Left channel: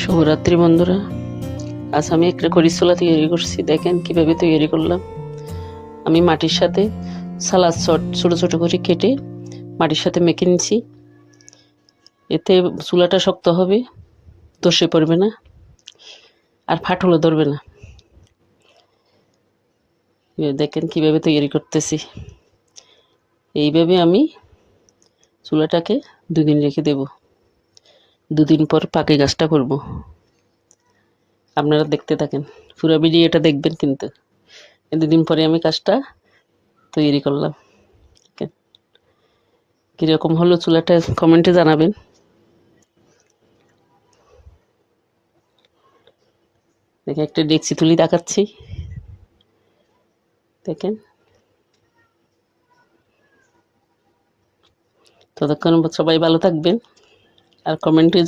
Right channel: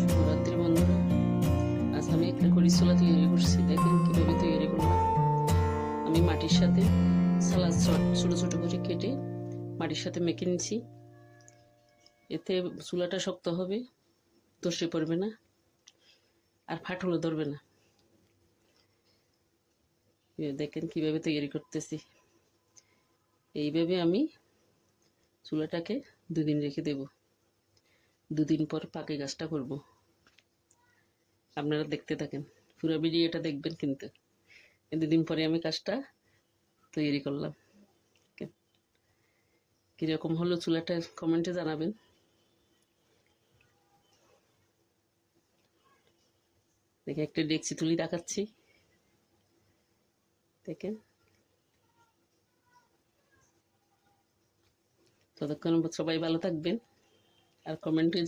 শুভরাত্রি বন্ধুরা। আজ আমি একটা করিছোলা তৈরি করছি, দেখেন কিভাবে তৈরি করলাম। আমি মাটির সাথে সালাদ ছোট ছোট করে কেটে মাটির সাথে মেখে নিচ্ছি। এতে চুলাটা শক্ত হবে, ধসে পড়বে না, আর ফাটলও ধরবে না। দেখেন কিভাবে তৈরি করতেছি। এইভাবে আমি চুলাটাকে 2 দিন রেখে দেব। 2 দিন পর পাকে গাছটা করব। আপনারা দেখতে থাকেন, পুরো ভিডিওটা দেখবেন। কিন্তু 2 দিন পরে আমি কাজটা তৈরি করলাম। কীরকম হলো চুলাটা কমেন্টে জানাবেন। দেখে একটা ডেকচি তুলি দেখাচ্ছি, দেখেন। ততক্ষণ সবাই ভালো থাকবেন আর কমেন্টে